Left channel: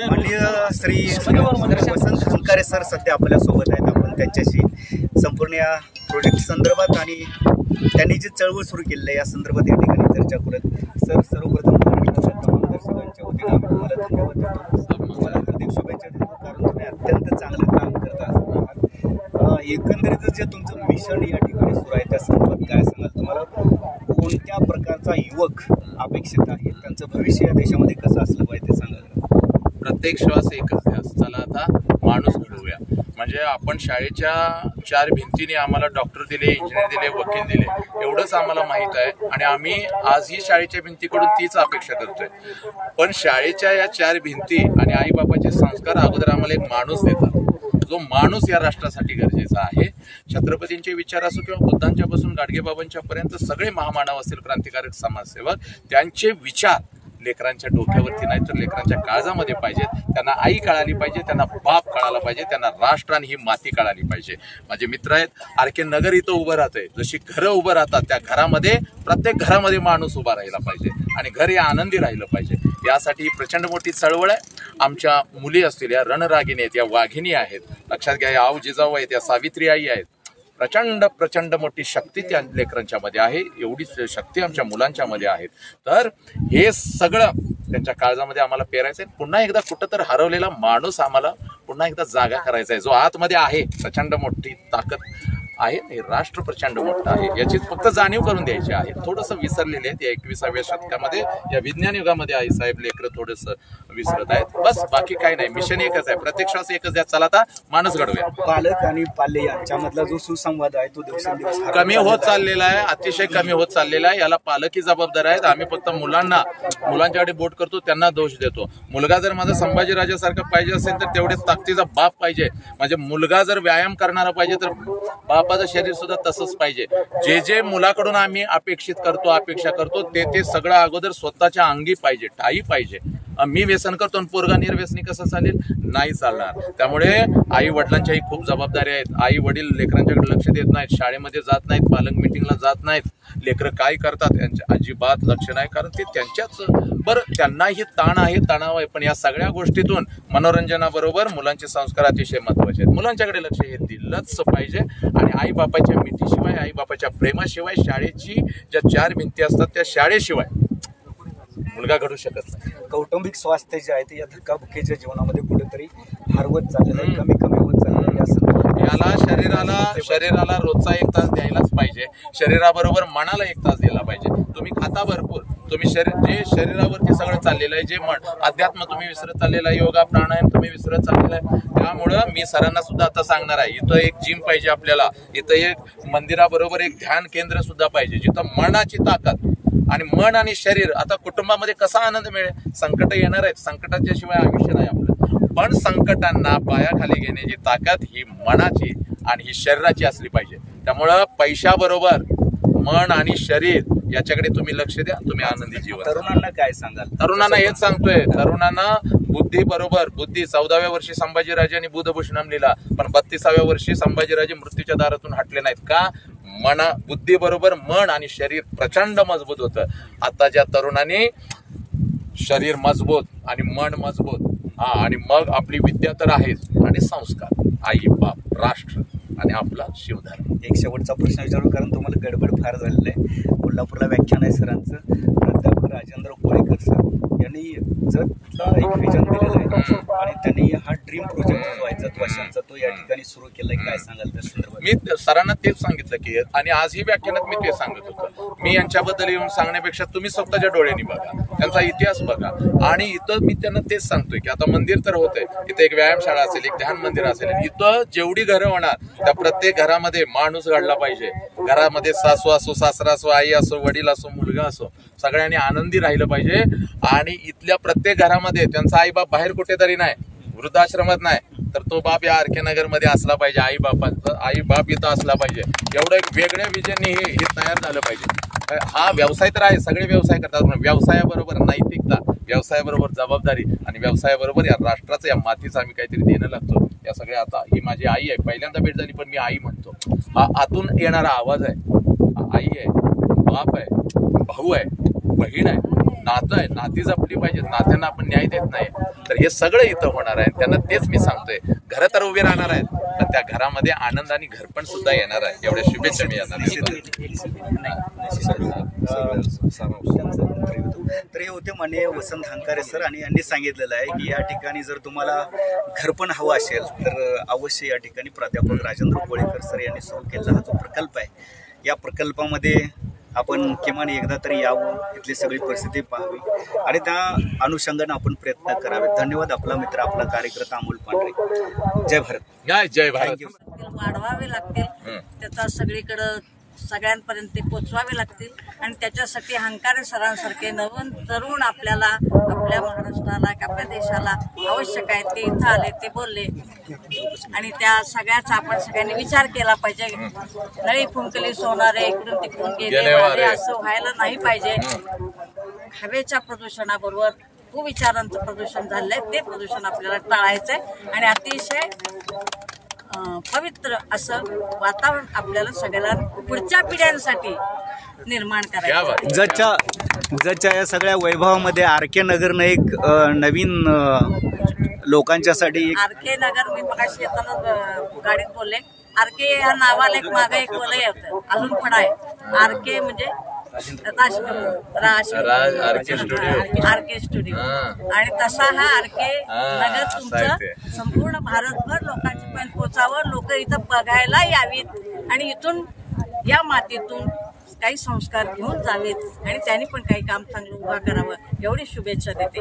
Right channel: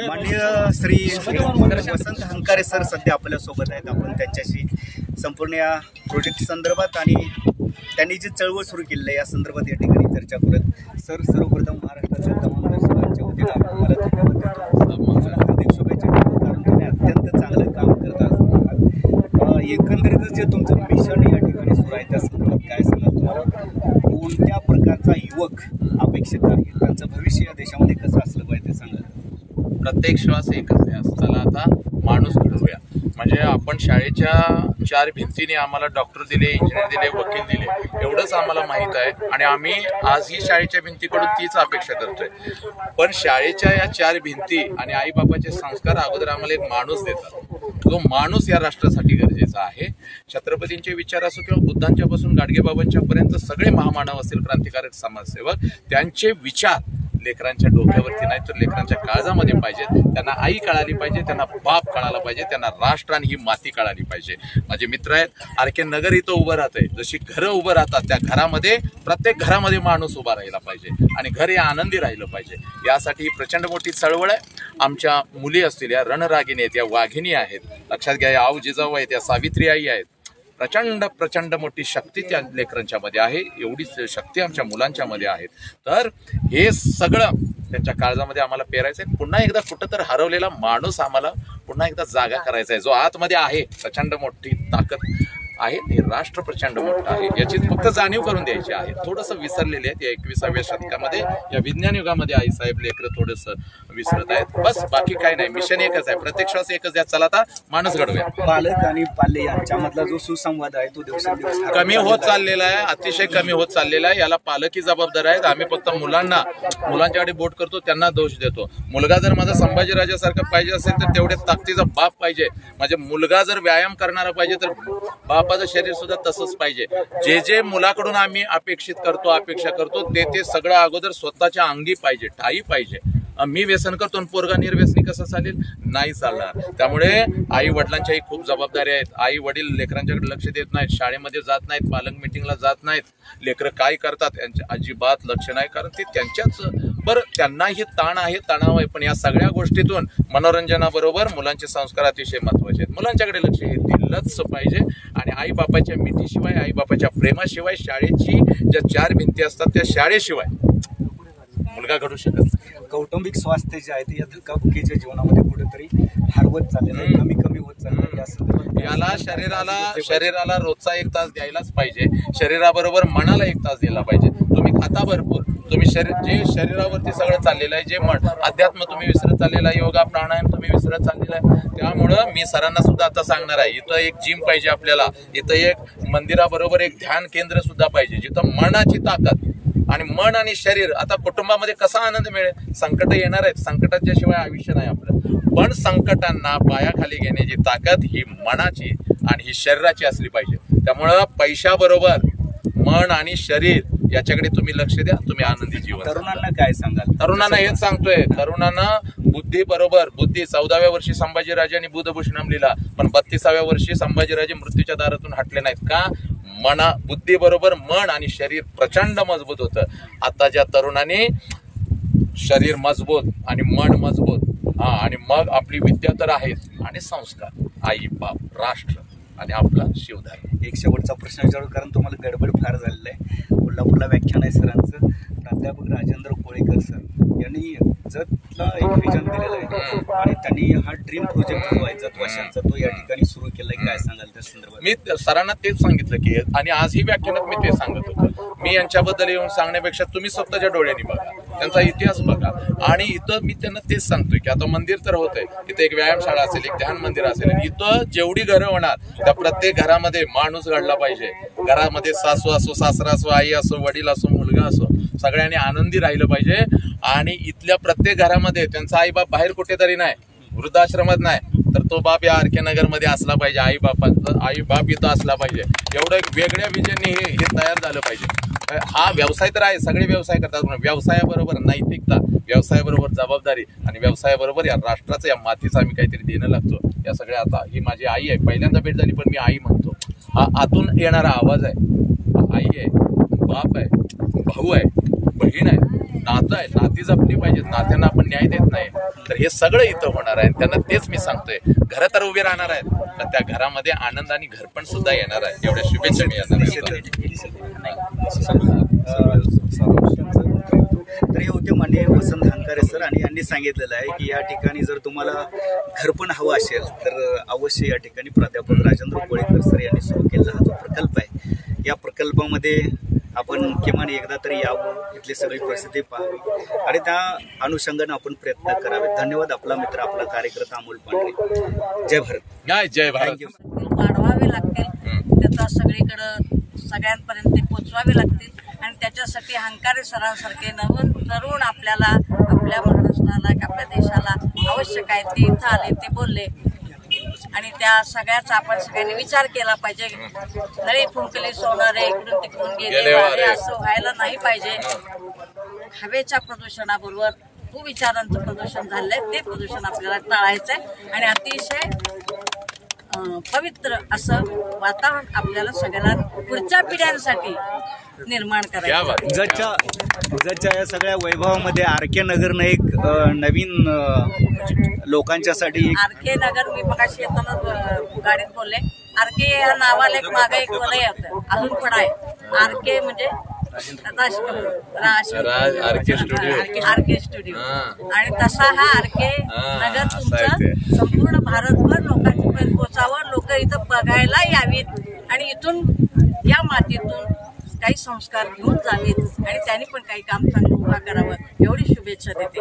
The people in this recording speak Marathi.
माननीय श्री वसंत हंकारे सर सध्या आपल्या सोबत आहेत। आपण त्यांच्याशी संपूर्ण या प्रोजेक्ट संदर्भात आणि त्यांनी जी चळवळ सुरू केली आहे या संदर्भात या ठिकाणी चर्चा करत। सर, सर्वप्रथम महाराष्ट्राच्या तमाम दर्शकांच्या वतीने तुम्हाला धन्यवाद देतो। तुम्हाला हार्दिक शुभेच्छा देतो, कारण तुम्ही अत्यंत चांगलं काम करत आहात। एकंदरीत जे तुमचं मिशन या ठिकाणी सुरू आहे त्या संदर्भात काय सांगाल? तुम्हाला कोणत्या प्रकारचा युवक अपेक्षित आहे? त्यांचं भविष्य या देशामध्ये कसं असलं पाहिजे ते सांगाल? प्रत्येक श्वास एकच ध्यास, चला आता माणूस घडवूया। म्हणजे आपण शाळेच्या 4 भिंतीने आम्हाला डॉक्टर दिले, इंजिनियर दिले, वकील दिले, एवढंच आम्हाला माहीत आहे आणि आम्ही आजही शाळेच्या भिंतीकडून तीच अपेक्षा करतोय। पण शाळेच्या या 4 भिंती आणि आईबापाचे संस्कार अगोदर आम्हाला एक माणूस देतात। तो माणूस या राष्ट्रासाठी गरजेचा आहे। छत्रपतींचे विचार असो किंवा बुद्धांच्या पासून गाडगेबाबांच्या पर्यंत सगळे महामानव असतील, क्रांतिकारक समाजसेवक, त्यांचे विचार लेकरांच्या डोक्यावरती नाही तर लेकरांच्या काळजामध्ये पाहिजेत। त्यांना आई कळाली पाहिजे, त्यांना बाप कळाला पाहिजे, त्यांना राष्ट्र आणि ही माती कळाली पाहिजे। माझे मित्र आहेत, आरके नगर इथं उभं राहतंय, जशी घरं उभं राहतात त्या घरामध्ये प्रत्येक घरामध्ये माणूस उभा राहिला पाहिजे आणि घर हे आनंदी राहिलं पाहिजे। यासाठी ही प्रचंड मोठी चळवळ आहे। आमच्या मुली असतील, या रणरागिणी आहेत, या वाघिणी आहेत, लक्षात घ्या, या आऊ जिजाऊ आहेत, या सावित्री आई आहेत। प्रचंड मोठी शक्ती त्या लेकरांच्या मध्ये आहे, एवढीच शक्ती आमच्या मुलांच्या मध्ये आहेत। तर हे सगळं त्यांच्या काळजामध्ये आम्हाला पेरायचं आहे। पुन्हा एकदा कुठं तर हरवलेला माणूस आम्हाला पुन्हा एकदा जागा करायचा आहे, जो आतमध्ये आहे। प्रचंड मोठी ताकद आहे, हे राष्ट्र प्रचंड मोठं आहे, याची फक्त जाणीव करून द्यायची आहे। थोडंसं विसरलेले आहेत या 21व्या शतकामध्ये, या विज्ञान युगामध्ये आई साहेब लेकरं थोडंसं विसरत आहेत, बस बाकी काही नाही। मिशन एकच आहे, प्रत्येक श्वास एकच द्या, चला आता माणूस घडवूया। पालक आणि पाल्य यांच्यामधला जो सुसंवाद आहे तो दिवसेंदिवस कमी होत चाललेला आहे, अतिशय कमी होत चाललेला आहे। याला पालकही जबाबदार आहेत। आम्ही फक्त मुलांच्याकडे बोट करतो, त्यांना दोष देतो। मुलगा जर माझा संभाजीराजासारखा पाहिजे असेल तर तेवढे ताकदीचा बाप पाहिजे। म्हणजे मुलगा जर व्यायाम करणारा पाहिजे तर बापाचं शरीर सुद्धा तसंच पाहिजे। जे मुलाकडून आम्ही अपेक्षा करतो ते सगळं अगोदर स्वतःच्या अंगी पाहिजे, ठाई पाहिजे। मी व्यसन करतो आणि पोरगा निर्व्यसनी कसं चालेल? नाही चालणार। त्यामुळे आई वडिलांच्याही खूप जबाबदारी आहेत। आई वडील लेकरांच्याकडे लक्ष देत नाहीत, शाळेमध्ये जात नाहीत, पालक मिटिंगला जात नाहीत, लेकरं काय करतात यांच्या अजिबात लक्ष नाही, कारण ते त्यांच्याच बरं त्यांनाही ताण आहे, तणाव आहे। पण या सगळ्या गोष्टीतून मनोरंजनाबरोबर मुलांचे संस्कार अतिशय महत्वाचे आहेत। मुलांच्याकडे लक्ष हे दिलंच पाहिजे आणि आई बापाच्या मिठीशिवाय, आई बापाच्या प्रेमाशिवाय, शाळेची ज्या 4 भिंती असतात त्या शाळेशिवाय मुलगा घडू शकत नाही। कौटुंबिक स्वास्थ्य जे आहे ते या धक्काबुक्कीच्या जीवनामध्ये कुठेतरी हरवत चाललेलं आहे, कमी होत चाललेलं आहे। याला शरीराला रोजचा 1 तास द्यायलाच पाहिजे। शरीराबरोबर मनाला 1 तास दिला पाहिजे। तुम्ही खाता भरपूर, तुम्ही जे शरीरावरती सगळं चाललेलं आहे, जे मन अध्यात्म तुम्ही विसरत चाललेला आहे, योगा प्राणायाम तुम्ही विसरत चाललेला आहे। त्यामुळं मी सरांना सुद्धा आता सांगणार आहे, इथं एक जिम पाहिजे आपल्याला, इथं एक मंदिराबरोबर एक ध्यान केंद्र सुद्धा पाहिजे, जिथं मनाची ताकद आणि मन आणि शरीर। आता कुटुंबामध्ये कसा आनंद मिळेल? संकट येणार आहेत, संकटाच्या शिवाय आयुष्य नाही आपलं। पण संकटांना पायाखाली घेण्याची ताकद ही मनाची आणि ही शरीराची असली पाहिजे। त्यामुळं पैशाबरोबर मन आणि शरीर याच्याकडे तुम्ही लक्ष द्या, तुम्ही आनंदी जीवन। तरुणांना काय सांगाल? तरुणांना हेच सांगतोय, तरुणांना बुद्धी 14व्या वर्षी संभाजीराजांनी बुधभूषणम लिहिला, पण 32व्या वर्षी संभाजीराजे मृत्यूच्या दारातून हटले नाहीत का? बुद्धी बरोबर मन आणि शरीर प्रचंड मजबूत होतं। आताच्या तरुणांनी शरीर मजबूत आणि मन मजबूत, आणि मग आपली विद्या तर आहेच, आणि संस्कार, आई बाप, राष्ट्र आणि आपला शिवधर्म। एक शेवटचा प्रश्न विचारू, कारण तुम्हाला गडबड फार झालेलं आहे। कोल्हापूरला व्याख्यान आहे सरांचं, प्राध्यापक राजेंद्र कोळेकर सर यांनी जतला एक व्हिजन दिलेलं आहे आणि त्यांनी हा ड्रीम प्रोजेक्ट जो आहे जत वाशांचा तो या ठिकाणी सुरू केलाय, काय सांगाल त्या संदर्भात? मी सरांना तेच सांगितलं की, आणि आजही व्याख्यानात मी ते सांगत होतो, मी यांच्याबद्दल येऊन सांगण्यापेक्षा तुम्ही स्वतःच्या डोळ्यांनी बघा, त्यांचा इतिहास बघा। आणि इथं मी त्यांना तेच सांगतोय की आता मंदिर तर होतंय, इथं एक व्यायामशाळा असेल, एक ध्यान मंदिर असेल, इथं जेवढी घरं होणार त्या प्रत्येक घरामध्ये माणूस घडला पाहिजे। घरामध्ये सासू असो, सासरा असो, आई असो, वडील असो, मुलगा असो, सगळ्यांनी आनंदी राहिलं पाहिजे। आणि इथल्या प्रत्येक घरामध्ये त्यांचा आई बाप बाहेर कुठेतरी नाही, वृद्धाश्रमात नाही, तर तो बाप या आरके नगर मध्ये असला पाहिजे। आई बाप इथं असला पाहिजे। एवढं एक वेगळ्या विजनने हे तयार झालं पाहिजे। हा व्यवसाय तर आहे, सगळे व्यवसाय करतात, पण व्यवसायाबरोबर नैतिकता, व्यवसायाबरोबर जबाबदारी आणि व्यवसायाबरोबर या राष्ट्राचं, या मातीचं आम्ही काहीतरी देणं लागतो। या सगळ्या, आता ही माझी आई आहे, पहिल्यांदा भेट झाली पण मी आई म्हणतो। हा आतून येणारा आवाज आहे, आई आहे, बाप आहे, भाऊ आहे, बहीण आहे, नातं आहे, नाती जपली पाहिजेत, नात्यांना आपण न्याय देत नाही तर हे सगळं इथं होणार आहे. त्यांना तेच मी सांगतोय, घरं तर उभी राहणार आहेत पण त्या घरामध्ये आनंद आणि घरपण सुद्धा येणार आहे. एवढ्या शुभेच्छा मी यांना तर हे होते माननीय वसंत हंकारे सर आणि यांनी सांगितलेलं आहे की या ठिकाणी जर तुम्हाला घरपण हवं असेल तर अवश्य या ठिकाणी प्राध्यापक राजेंद्र कोळेकर सर यांनी सुरू केलेला हा जो प्रकल्प आहे या प्रकल्पामध्ये आपण किमान एकदा तरी यावं, इथली सगळी परिस्थिती पाहावी आणि त्या अनुषंगाने आपण प्रयत्न करावे. धन्यवाद. आपला मित्र आपला कार्यकर्ता अमोल पांढरे. जय भारत. जय भारत. वाढवावे लागतील, त्याचा सगळीकडं सगळ्यांपर्यंत ते पोचवावे लागतील आणि त्याच्यासाठी हंकारे सरांसारखे नवीन तरुण आपल्याला, आपल्या महाराष्ट्राला, आपल्या देशाला आवश्यक आहे. ते इथं आले, ते बोलले आणि त्या सगळ्याचा आपण सगळ्यांनी विचार केला पाहिजे. नळी फुंकली सोनारे इकडून तिकडून गेले वारे असं व्हायला नाही पाहिजे. हवेच्या प्रदूषणाबरोबर कुविचारांचं प्रदूषण झालंय, ते प्रदूषण आपल्याला टाळायचंय आणि अतिशय पवित्र असं वातावरण आपल्याला सगळ्याला पुढच्या पिढ्यांसाठी निर्माण करायचं. जतच्या या सगळ्या वैभवामध्ये आरके नगरनं एक नवीन लोकांच्यासाठी आरके नगर, मी मगाशी येताना गाडीत बोलले, आरके या नावाला एक मागे एक वलय होतं, अजून पण आहे. आरके म्हणजे आरके स्टुडिओ आणि तसा हा आरके नगर तुमचं संपूर्ण भारतभर लोकांची पण पोचावं, लोक इथं बघायला यावीत आणि इथून या मातीतून काही संस्कार घेऊन जावेत आणि त्यांनी पण काही काम चांगलं उभा करावं एवढी शुभेच्छा देते.